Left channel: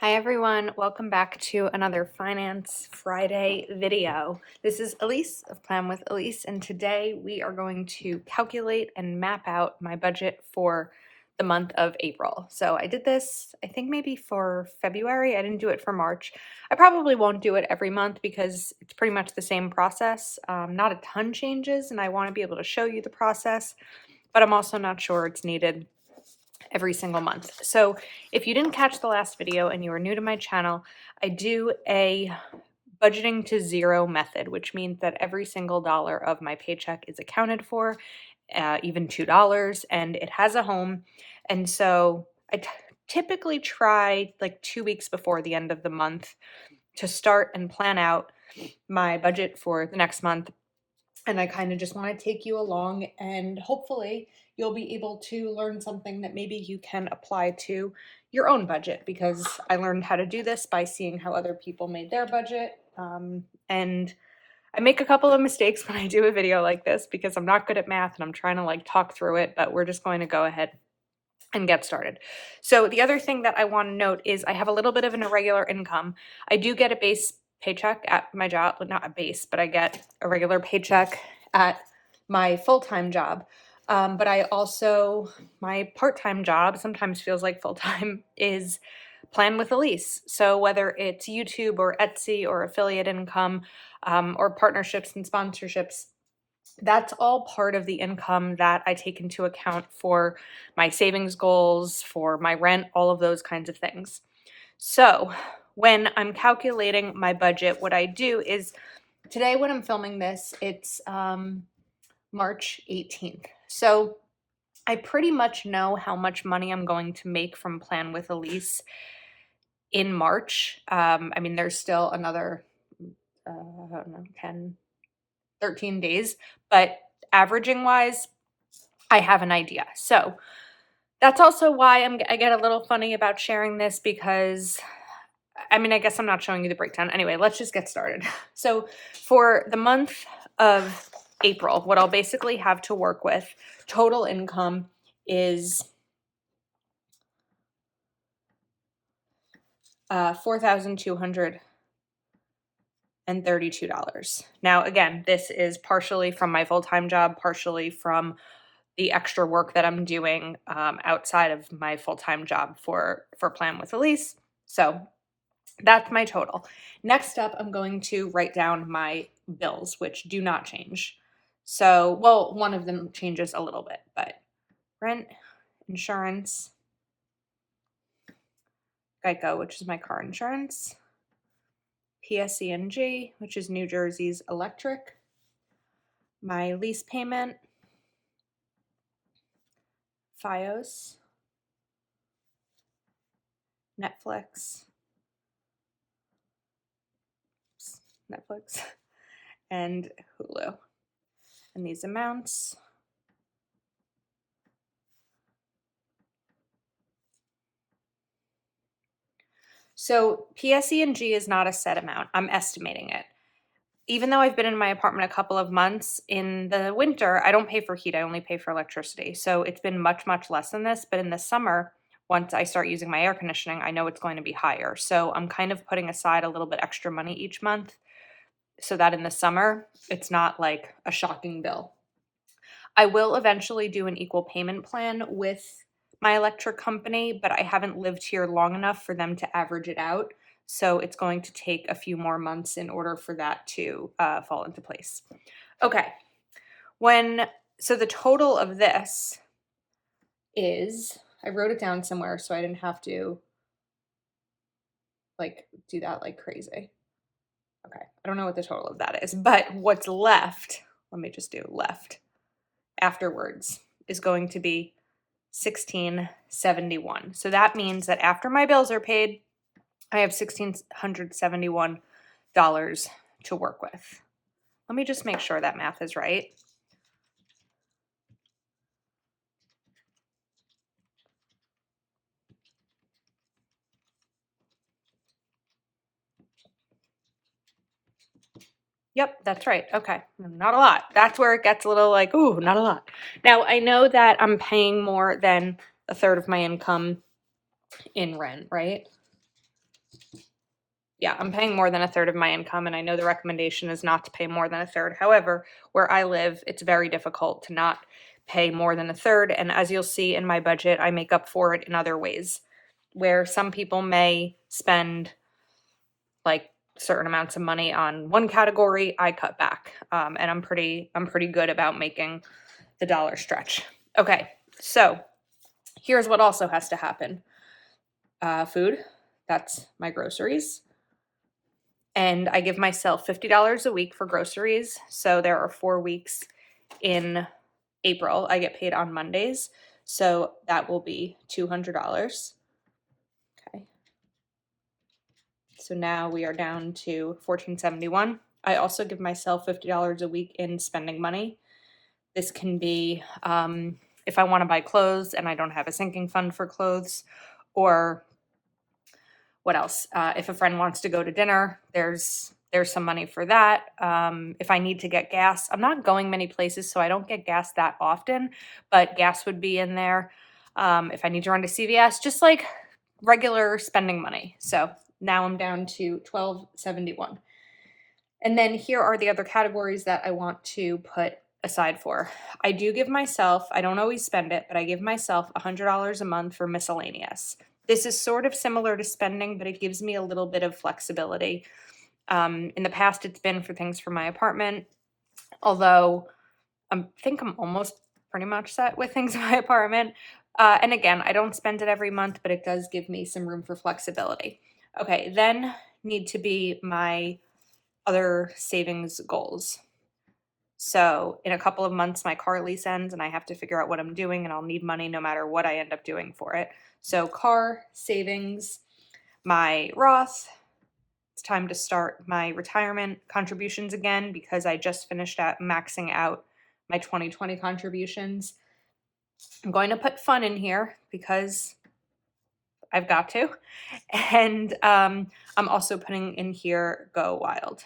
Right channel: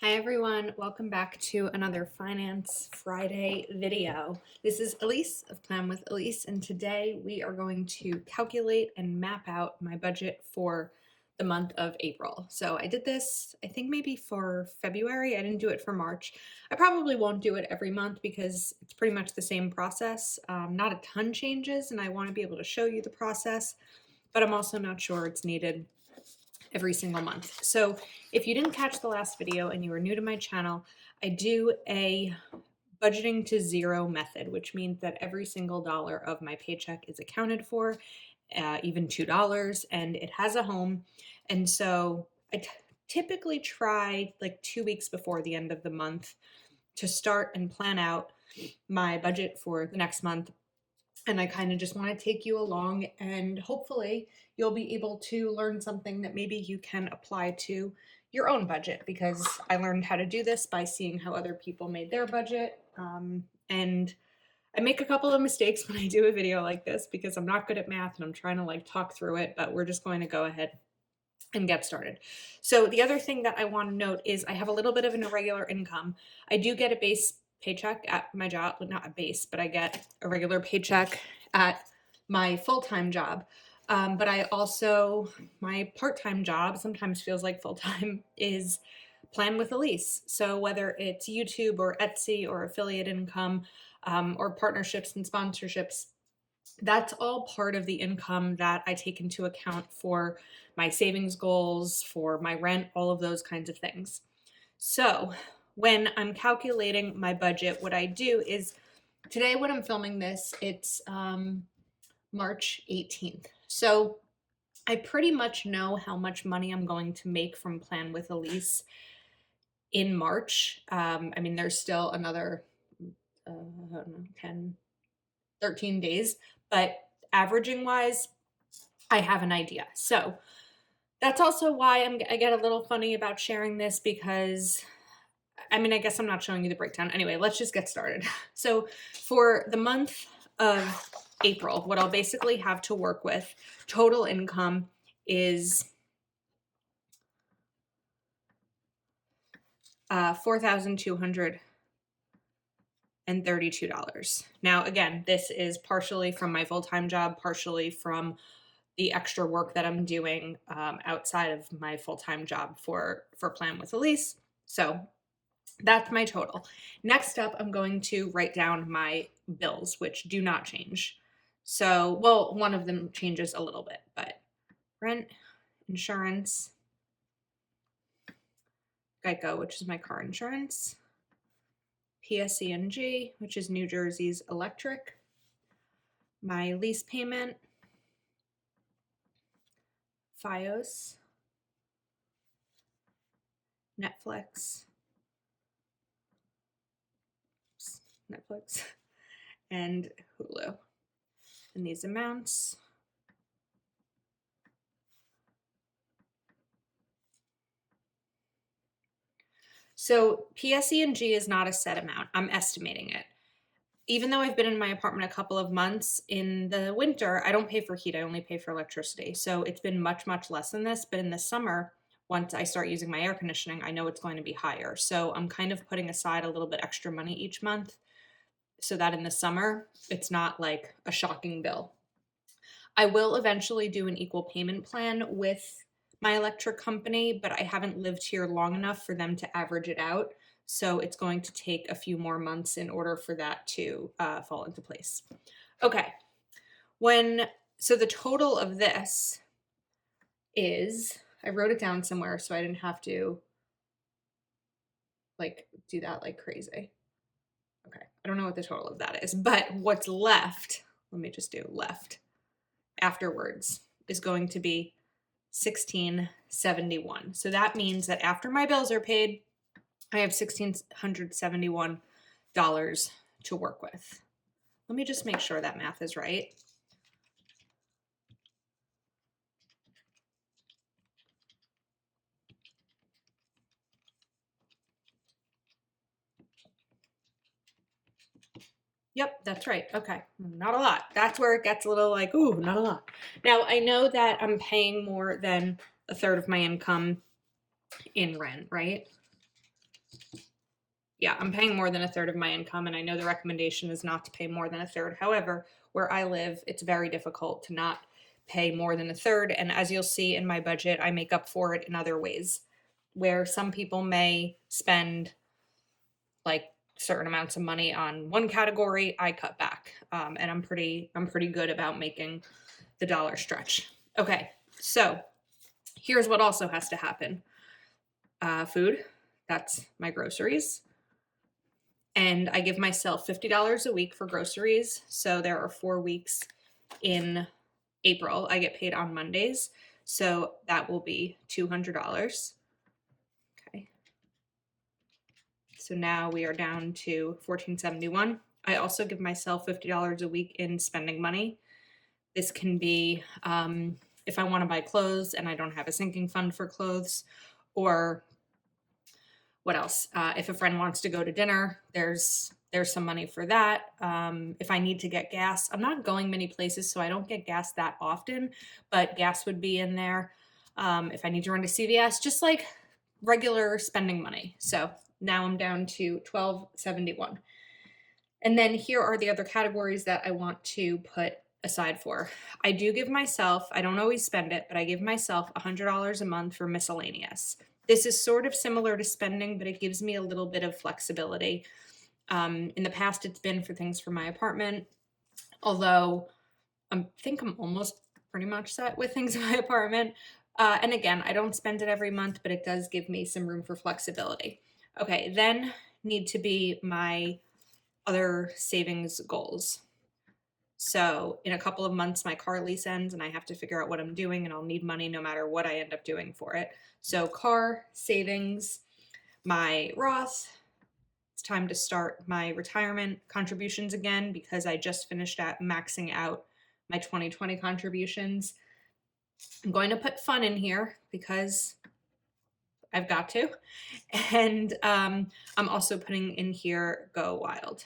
Hi everyone, welcome back to another Finance Friday video. This is Elise of Plan with Elise, and today we are going to calculate and map out my budget for the month of April. So I did this, I think maybe for February. I didn't do it for March. I probably won't do it every month because it's pretty much the same process. Not a ton changes, and I want to be able to show you the process, but I'm also not sure it's needed every single month. So if you didn't catch the last video and you are new to my channel, I do a budgeting to zero method, which means that every single dollar of my paycheck is accounted for, even $2, and it has a home. And so I typically try like 2 weeks before the end of the month to start and plan out my budget for the next month. And I kind of just want to take you along, and hopefully you'll be able to learn something that maybe you can apply to your own budget, because I learned how to do this by seeing how other people made their budget. And I make a couple of mistakes when I do a video like this because I'm not good at math and I'm trying to like talk through it, but we're just going to go ahead and get started. So the other thing that I want to note is I have a little bit of an irregular income. I do get a base paycheck at my job, well, not a base, but I get a regular paycheck at my full-time job. But I also, my part-time job sometimes feels like full-time is Plan with Elise. So whether it's YouTube or Etsy or affiliate income, or partnerships and sponsorships, that's all part of the income that I take into account for my savings goals, for my rent, all of those kinds of things. So when I'm calculating my budget, what I do is today when I'm filming this, it's March 18th. So I pretty much know how much money I'm going to make from Plan with Elise in March. I mean, there's still another, I don't know, 10, 13 days, but averaging wise, I have an idea. So that's also why I get a little funny about sharing this, because I mean, I guess I'm not showing you the breakdown. Anyway, let's just get started. So for the month of April, what I'll basically have to work with, total income is $4,232. Now, again, this is partially from my full-time job, partially from the extra work that I'm doing outside of my full-time job for Plan with Elise. So that's my total. Next up, I'm going to write down my bills, which do not change. So, well, one of them changes a little bit, but rent, insurance, Geico, which is my car insurance, PSE&G, which is New Jersey's electric, my lease payment, FiOS, Netflix, Netflix, and Hulu. And these amounts. So PSE&G is not a set amount. I'm estimating it. Even though I've been in my apartment a couple of months, in the winter, I don't pay for heat. I only pay for electricity. So it's been much, much less than this. But in the summer, once I start using my air conditioning, I know it's going to be higher. So I'm kind of putting aside a little bit extra money each month so that in the summer, it's not like a shocking bill. I will eventually do an equal payment plan with my electric company, but I haven't lived here long enough for them to average it out. So it's going to take a few more months in order for that to fall into place. Okay. So the total of this is, I wrote it down somewhere so I didn't have to like do that like crazy. Okay. I don't know what the total of that is, but what's left, let me just do left afterwards, is going to be 1671. So that means that after my bills are paid, I have $1,671 to work with. Let me just make sure that math is right. Yep, that's right. Okay, not a lot. That's where it gets a little like, ooh, not a lot. Now, I know that I'm paying more than a third of my income in rent, right? Yeah, I'm paying more than a third of my income, and I know the recommendation is not to pay more than a third. However, where I live, it's very difficult to not pay more than a third. And as you'll see in my budget, I make up for it in other ways, where some people may spend like certain amounts of money on one category, I cut back, and I'm pretty good about making the dollar stretch. Okay, so here's what also has to happen: food. That's my groceries. And I give myself $50 a week for groceries. So there are 4 weeks in April. I get paid on Mondays. So that will be $200. Okay. So now we are down to $1,471. I also give myself $50 a week in spending money. This can be if I want to buy clothes and I don't have a sinking fund for clothes, or what else? If a friend wants to go to dinner, there's some money for that. If I need to get gas, I'm not going many places, so I don't get gas that often, but gas would be in there. If I need to run to CVS, just like regular spending money. So now I'm down to 1271. And then here are the other categories that I want to put aside for. I do give myself, I don't always spend it, but I give myself $100 a month for miscellaneous. This is sort of similar to spending, but it gives me a little bit of flexibility. In the past, it's been for things for my apartment, although I think I'm almost pretty much set with things in my apartment. And again, I don't spend it every month, but it does give me some room for flexibility. Okay, then need to be my other savings goals. So in a couple of months, my car lease ends and I have to figure out what I'm doing, and I'll need money no matter what I end up doing for it. So car savings, my Roth. It's time to start my retirement contributions again because I just finished at maxing out my 2020 contributions. I'm going to put fun in here because I've got to. And I'm also putting in here Go Wild,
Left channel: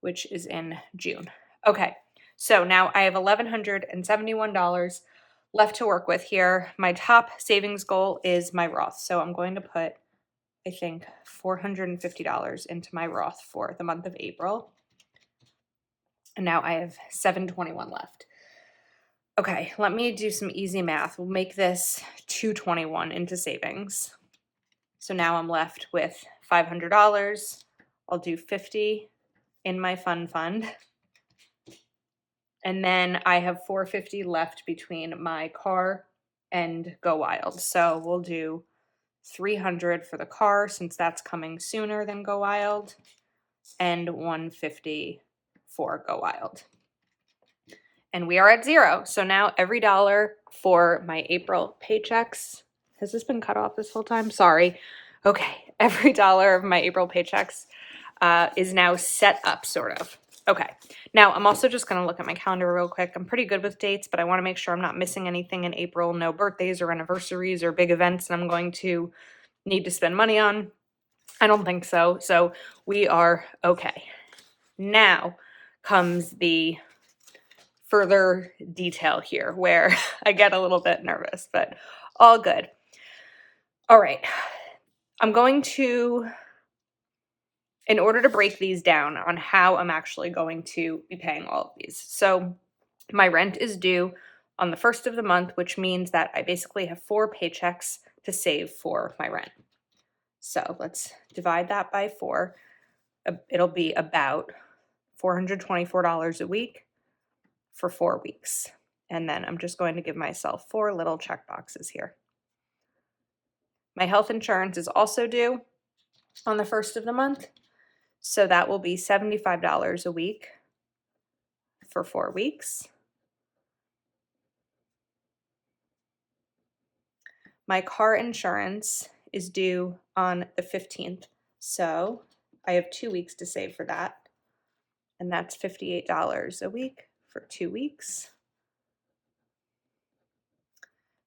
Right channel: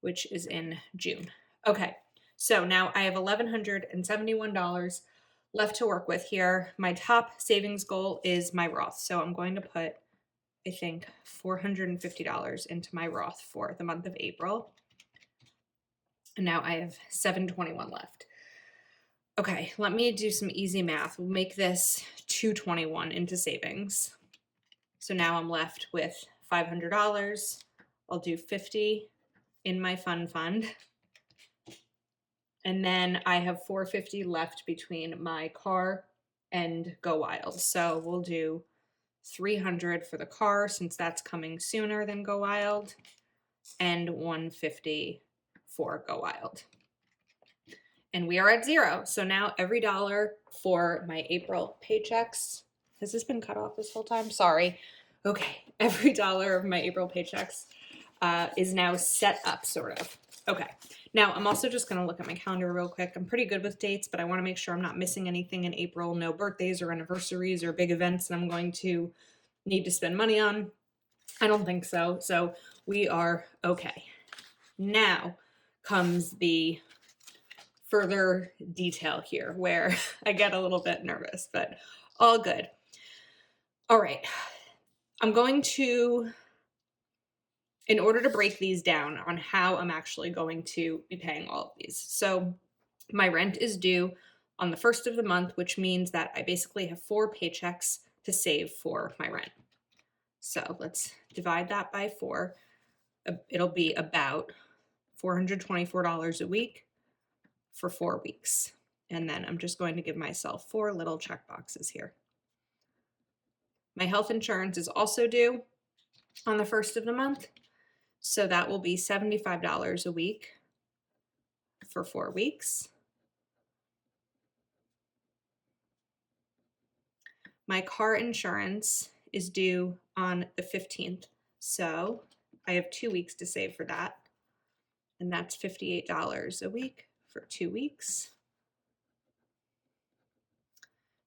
which is in June. Okay, so now I have $1,171 left to work with here. My top savings goal is my Roth. So I'm going to put, I think, $450 into my Roth for the month of April. And now I have $721 left. Okay, let me do some easy math. We'll make this $221 into savings. So now I'm left with $500. I'll do 50 in my fund. And then I have $450 left between my car and Go Wild. So we'll do 300 for the car since that's coming sooner than Go Wild, and 150 for Go Wild. And we are at zero. So now every dollar for my April paychecks. Has this been cut off this whole time? Sorry. Okay. Every dollar of my April paychecks is now set up, sort of. Okay. Now I'm also just going to look at my calendar real quick. I'm pretty good with dates, but I want to make sure I'm not missing anything in April. No birthdays or anniversaries or big events that I'm going to need to spend money on. I don't think so. So we are okay. Now comes the further detail here where I get a little bit nervous, but all good. All right. I'm going to, in order to break these down on how I'm actually going to be paying all of these. So my rent is due on the first of the month, which means that I basically have 4 paychecks to save for my rent. So let's divide that by 4. It'll be about $424 a week for 4 weeks. And then I'm just going to give myself 4 little check boxes here. My health insurance is also due on the first of the month. So that will be $75 a week for 4 weeks. My car insurance is due on the 15th. So I have 2 weeks to save for that. And that's $58 a week for 2 weeks.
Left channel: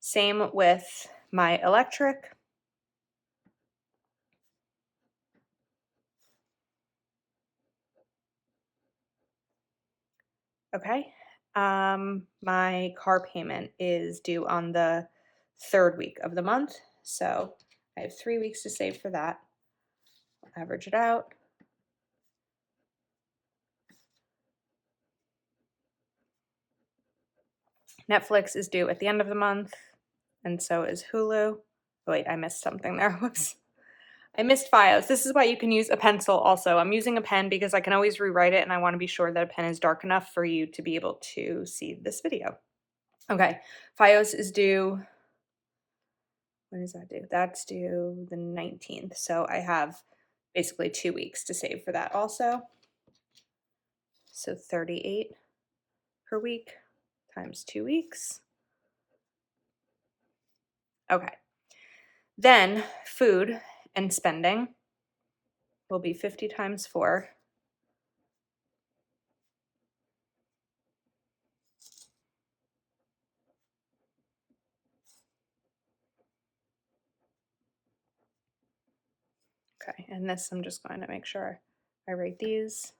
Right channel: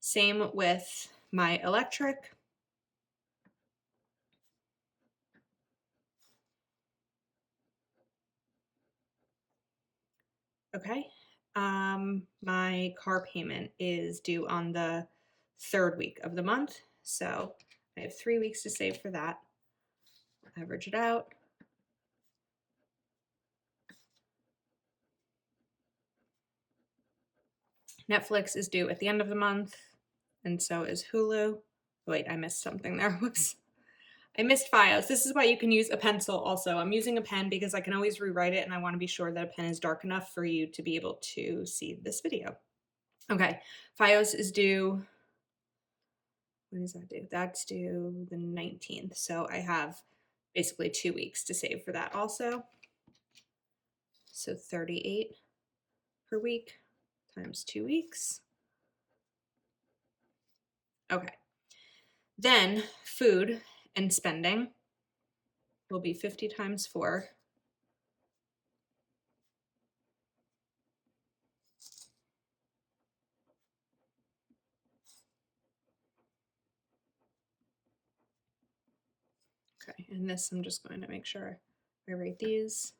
Same with my electric. Okay. My car payment is due on the 3rd week of the month. So I have 3 weeks to save for that. average it out. Netflix is due at the end of the month, and so is Hulu. Oh, wait, I missed something there. Whoops. I missed FiOS. This is why you can use a pencil also. I'm using a pen because I can always rewrite it, and I want to be sure that a pen is dark enough for you to be able to see this video. Okay, FiOS is due, when does that due? That's due the 19th. So I have basically 2 weeks to save for that also. So 38 per week times 2 weeks. Okay. Then food and spending will be 50 times 4. Okay, and this I'm just going to make sure I write these.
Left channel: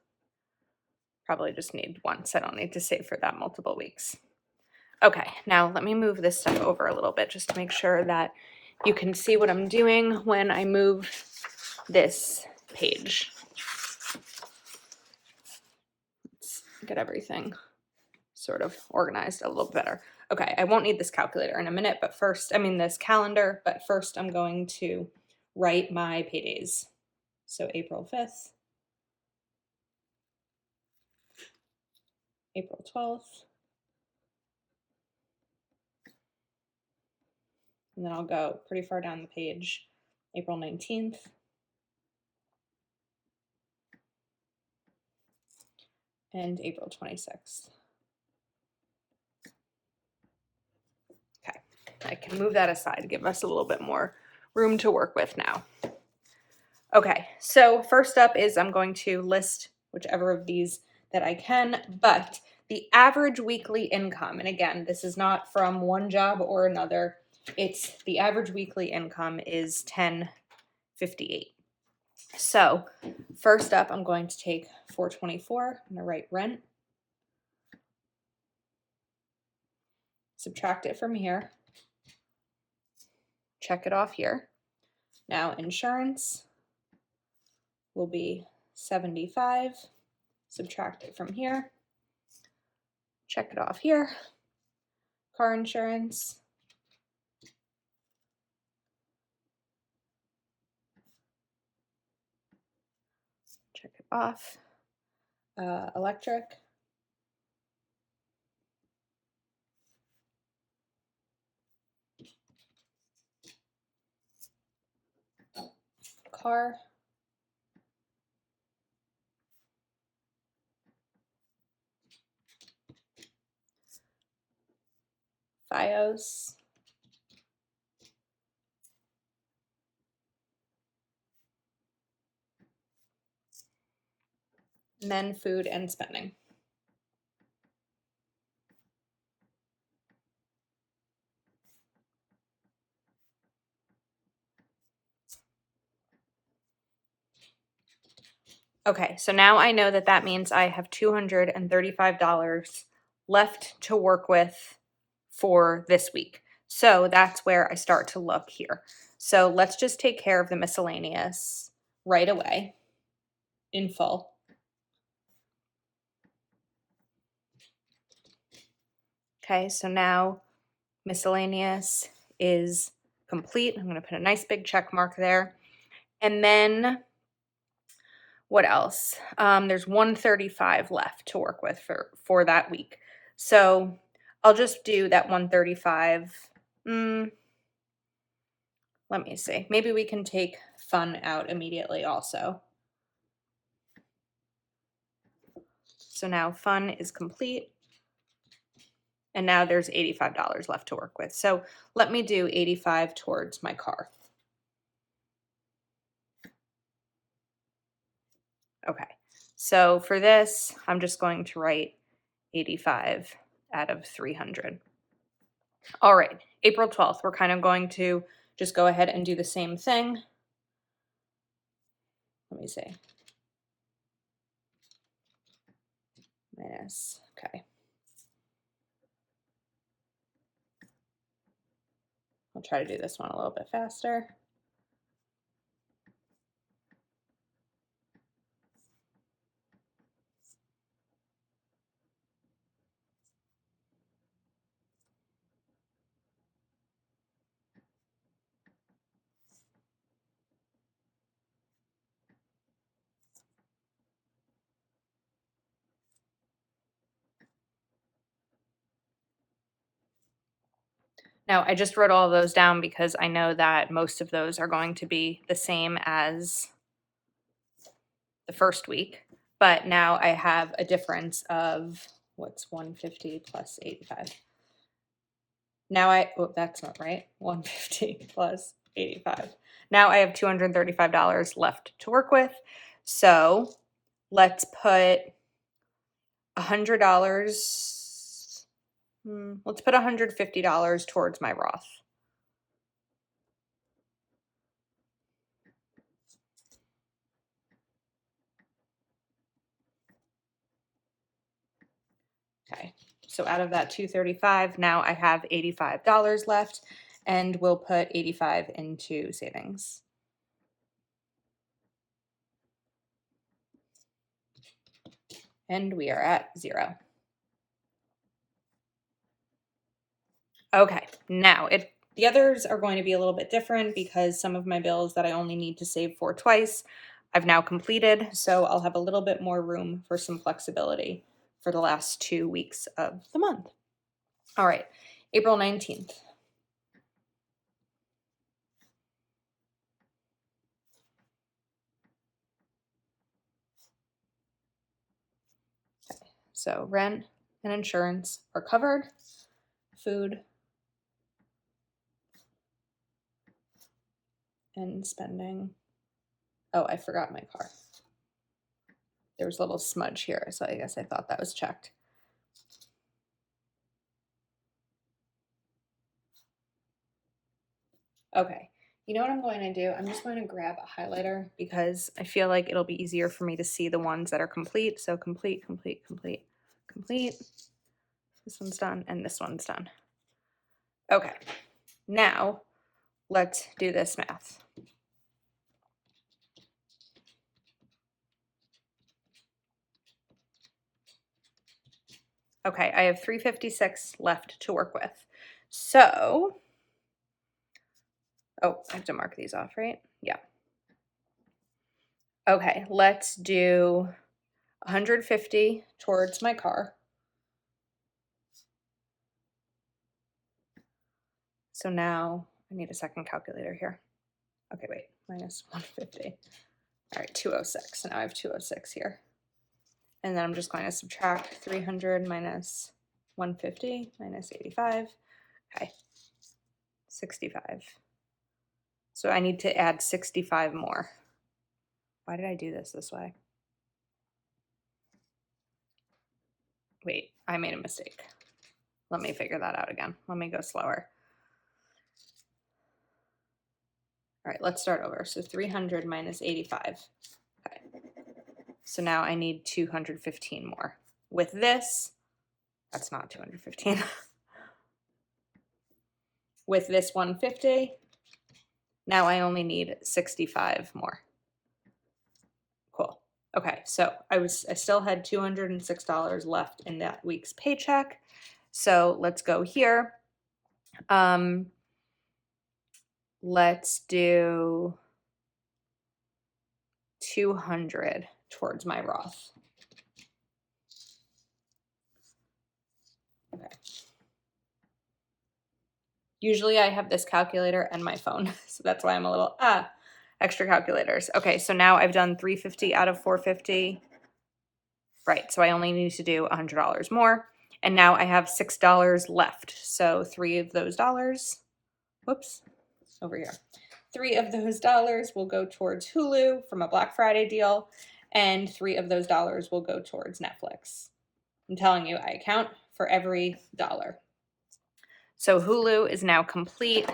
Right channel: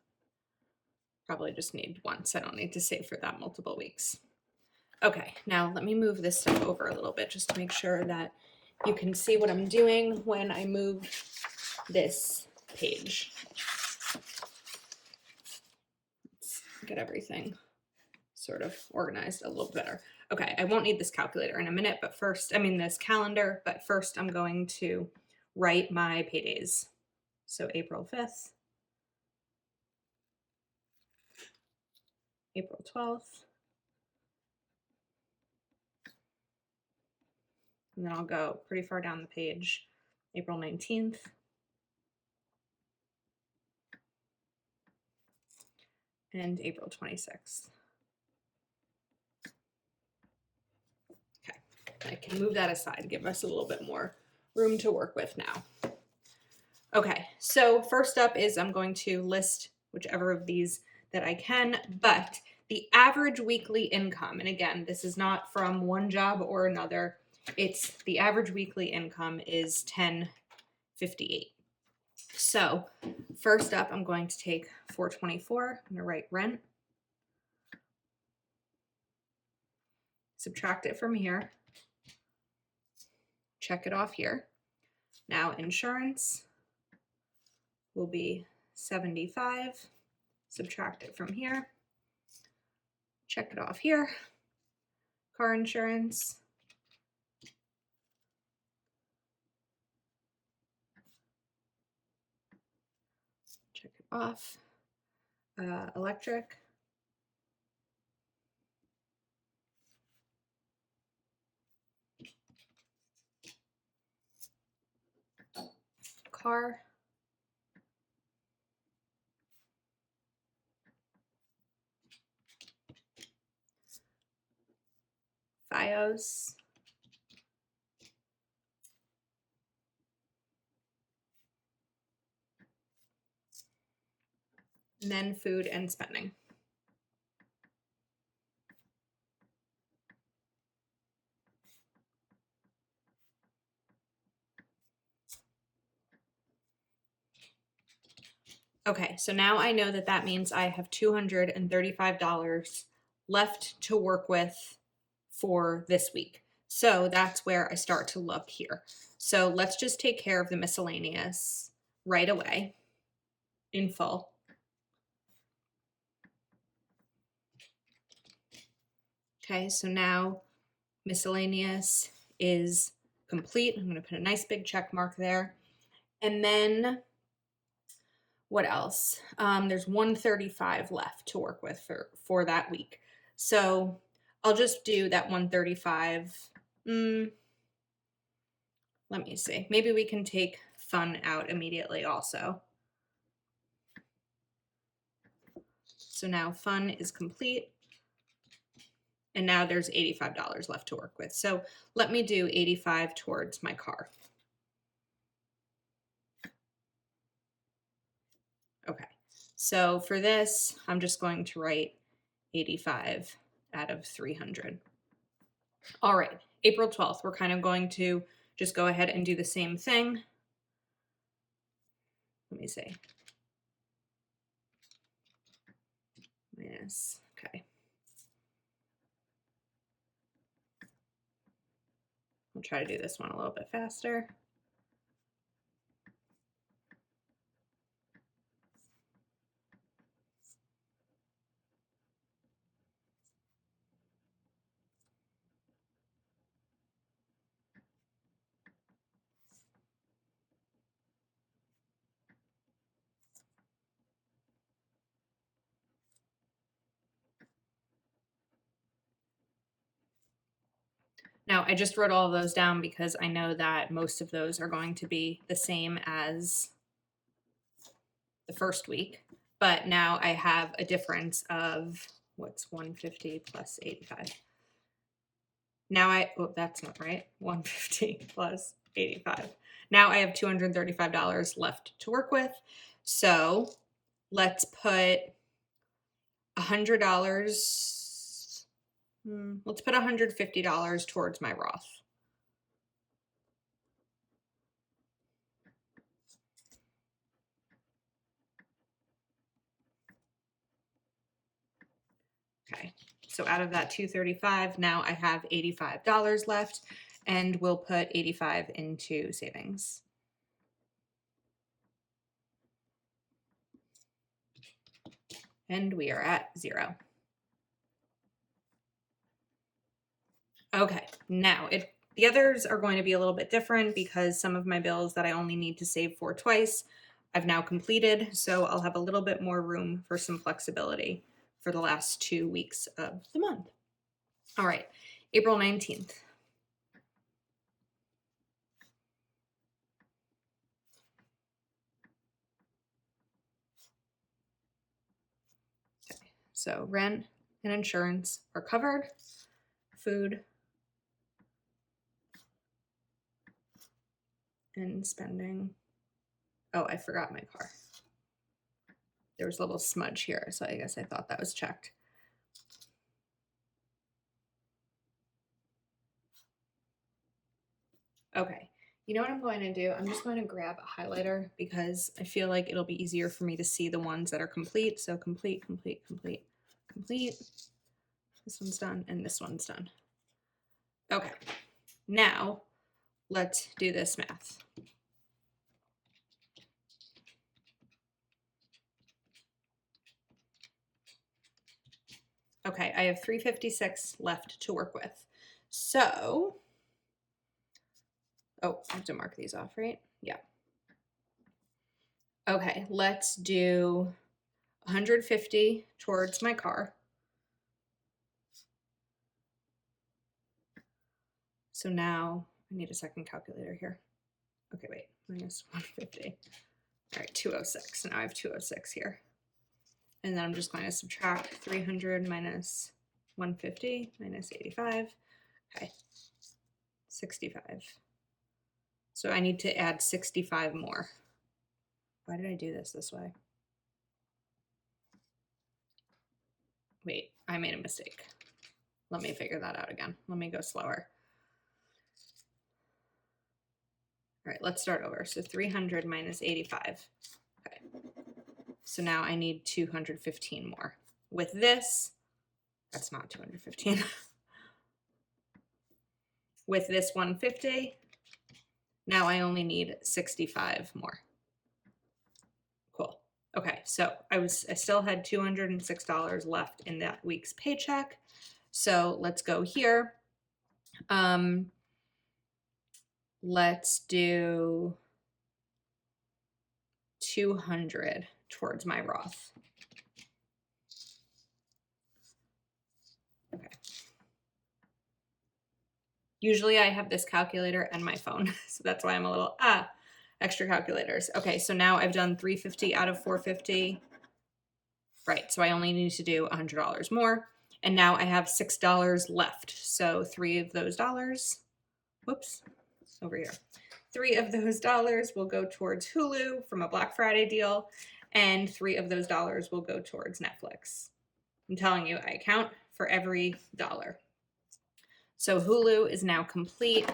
Probably just need once. I don't need to save for that multiple weeks. Okay, now let me move this stuff over a little bit just to make sure that you can see what I'm doing when I move this page. Let's get everything sort of organized a little better. Okay, I won't need this calculator in a minute, but first, this calendar, but first I'm going to write my paydays. So April 5th, April 12th, and then I'll go pretty far down the page, April 19th, and April 26th. Okay, I can move that aside, give us a little bit more room to work with now. Okay, so first up is I'm going to list whichever of these that I can, but the average weekly income, and again, this is not from one job or another, it's the average weekly income is $10.58. So first up, I'm going to take $424, I'm going to write rent, subtract it from here, check it off here. Now insurance will be 75, subtract it from here, check it off here. Car insurance, check it off. Electric, car, FiOS, and then food and spending. Okay, so now I know that that means I have $235 left to work with for this week. So that's where I start to look here. So let's just take care of the miscellaneous right away in full. Okay, so now miscellaneous is complete. I'm going to put a nice big check mark there. And then what else? There's 135 left to work with for that week. So I'll just do that 135. Let me see. Maybe we can take fun out immediately also. So now fun is complete. And now there's $85 left to work with. So let me do 85 towards my car. Okay. So for this, I'm just going to write 85 out of 300. All right, April 12th, we're kind of going to just go ahead and do the same thing. Let me see. Minus, okay. I'll try to do this one a little bit faster. Now, I just wrote all of those down because I know that most of those are going to be the same as the first week, but now I have a difference of what's 150 plus 85. Now that's not right. 150 plus 85. Now I have $235 left to work with. So let's put $100. Let's put $150 towards my Roth. Okay. So out of that 235, now I have $85 left, and we'll put 85 into savings. And we are at zero. Okay, now the others are going to be a little bit different because some of my bills that I only need to save for twice, I've now completed, so I'll have a little bit more room for some flexibility for the last 2 weeks of the month. All right, April 19th. Okay, so rent and insurance are covered. Food and spending. Oh, I forgot my car. There was a little smudge here, so I guess I thought that was checked. Okay, you know what I'm going to do? I'm just going to grab a highlighter because I feel like it'll be easier for me to see the ones that are complete. So complete, complete, complete, complete. This one's done and this one's done. Okay, now let's do this math. Okay, I have 356 left to work with. So, oh, I have to mark these off, right? Yeah. Okay, let's do 150 towards my car. So now I need a second calculator here. Okay, wait, minus 150. All right, 206. Now I have 206 here. And then I'm just going to subtract 300 minus 150 minus 85. Okay, 65. So I need to add 65 more. Why did I do this way? Wait, I made a mistake. Let me figure that out again. Let me go slower. All right, let's start over. So 300 minus 85. Okay. So now I need 215 more. With this, that's not 215. With this 150, now I only need 65 more. Cool. Okay, so I still had $206 left in that week's paycheck. So let's go here. Let's do 200 towards my Roth. Okay. Usually I have this calculator and my phone, so that's why I'm a little, extra calculators. Okay, so now I've done 350 out of 450. Right, so I only need to do $100 more. And now I have $6 left. So 3 of those dollars, whoops, over here. 3 of those dollars will go towards Hulu from a Black Friday deal, and 3 of those dollars will go towards Netflix. I'm telling you, I account for every dollar. So Hulu is now complete.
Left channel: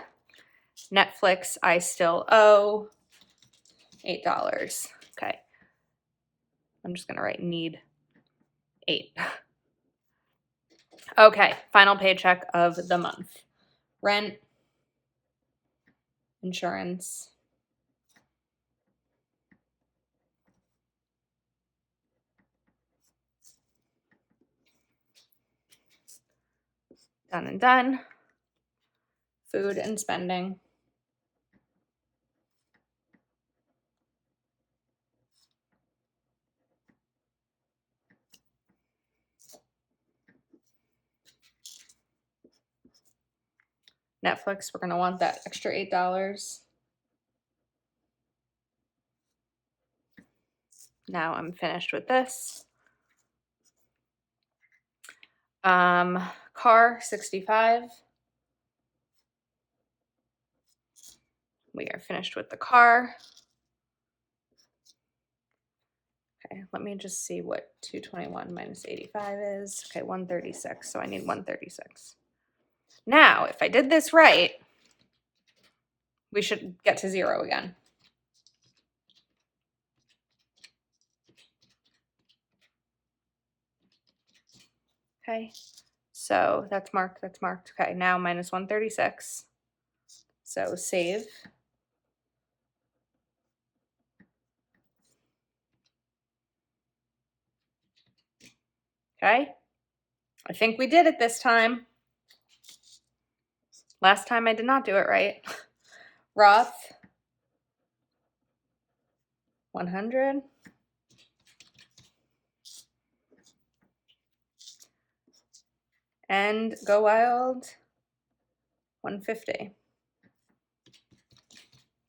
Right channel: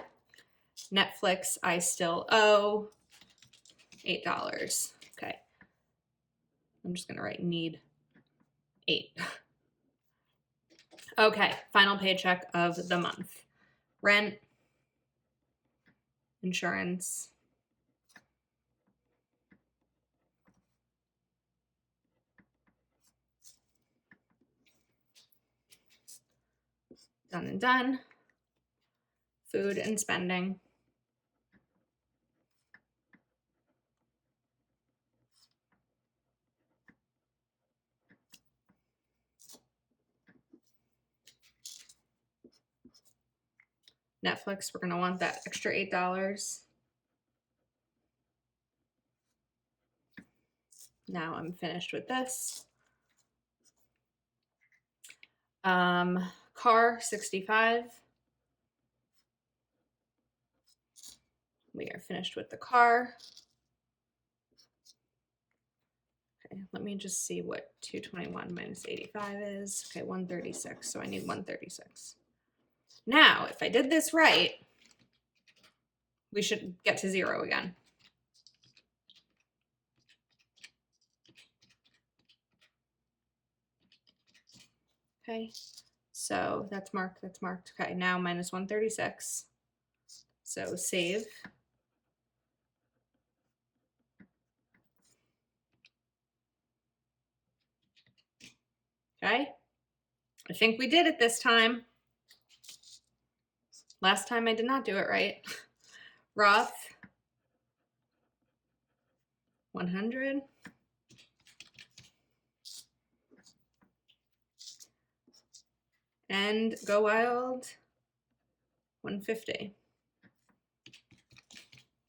Netflix, I still owe $8. Okay. I'm just going to write need 8. Okay, final paycheck of the month. Rent, insurance, done and done. Food and spending. Netflix, we're going to want that extra $8. Now I'm finished with this. Car, 65. We are finished with the car. Okay, let me just see what 221 minus 85 is. Okay, 136. So I need 136. Now, if I did this right, we should get to zero again. Okay, so that's marked, that's marked. Okay, now minus 136. So save. Okay, I think we did it this time. Last time I did not do it right. Roth, 100. And Go Wild, 150.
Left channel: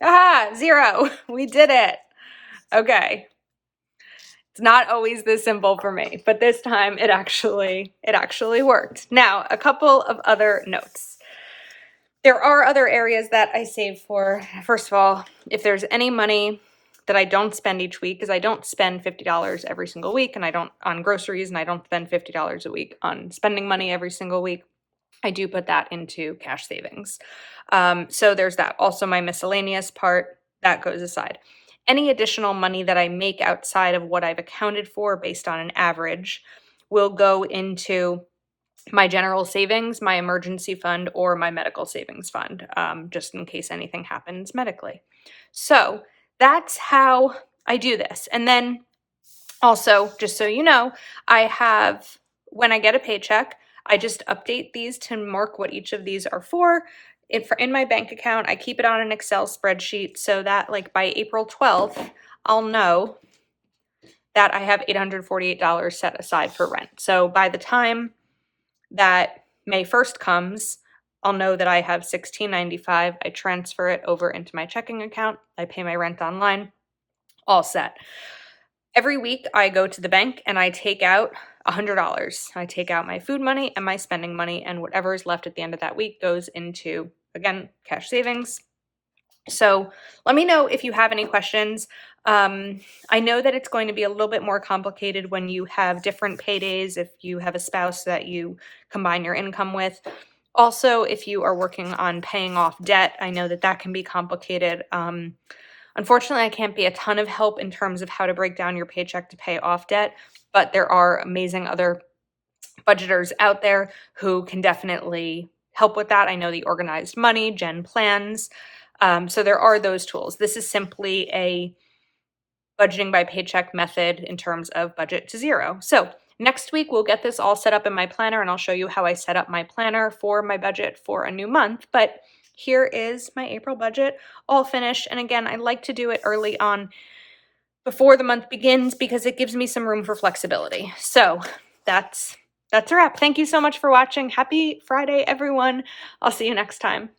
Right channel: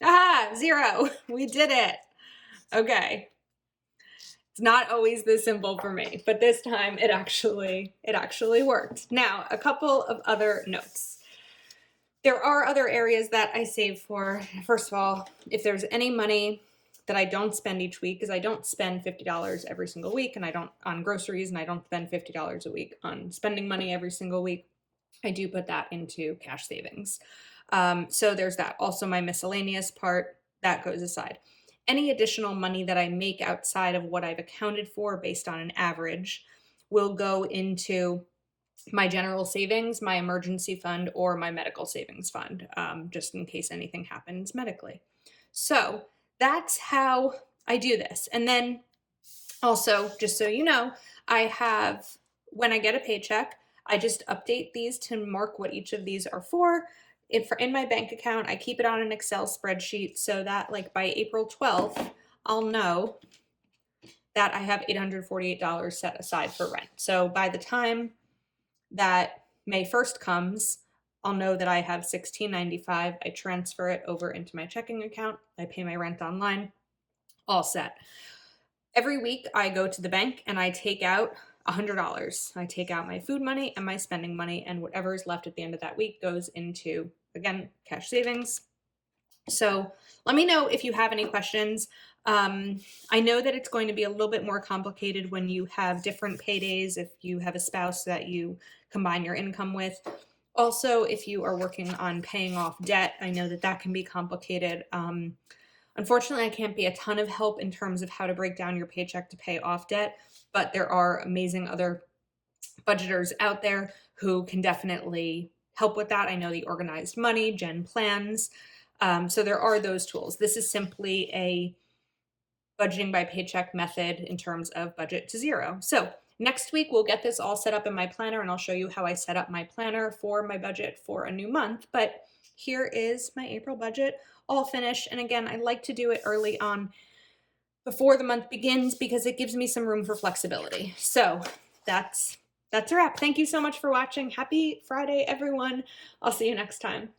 Aha, zero. We did it. Okay. It's not always this simple for me, but this time it actually worked. Now, a couple of other notes. There are other areas that I save for. First of all, if there's any money that I don't spend each week, because I don't spend $50 every single week, and I don't on groceries, and I don't spend $50 a week on spending money every single week, I do put that into cash savings. So there's that. Also, my miscellaneous part, that goes aside. Any additional money that I make outside of what I've accounted for based on an average will go into my general savings, my emergency fund, or my medical savings fund, just in case anything happens medically. So that's how I do this. And then also, just so you know, I have, when I get a paycheck, I just update these to mark what each of these are for. If in my bank account, I keep it on an Excel spreadsheet so that like by April 12th, I'll know that I have $848 set aside for rent. So by the time that May 1st comes, I'll know that I have $16.95. I transfer it over into my checking account. I pay my rent online, all set. Every week I go to the bank and I take out $100. I take out my food money and my spending money, and whatever is left at the end of that week goes into, again, cash savings. So let me know if you have any questions. I know that it's going to be a little bit more complicated when you have different paydays, if you have a spouse that you combine your income with. Also, if you are working on paying off debt, I know that that can be complicated. Unfortunately, I can't be a ton of help in terms of how to break down your paycheck to pay off debt, but there are amazing other budgeters out there who can definitely help with that. I know the Organized Money, Gen Plans. So there are those tools. This is simply a budgeting by paycheck method in terms of budget to zero. So next week, we'll get this all set up in my planner, and I'll show you how I set up my planner for my budget for a new month. But here is my April budget all finished. And again, I like to do it early on before the month begins because it gives me some room for flexibility. So that's a wrap. Thank you so much for watching. Happy Friday, everyone. I'll see you next time.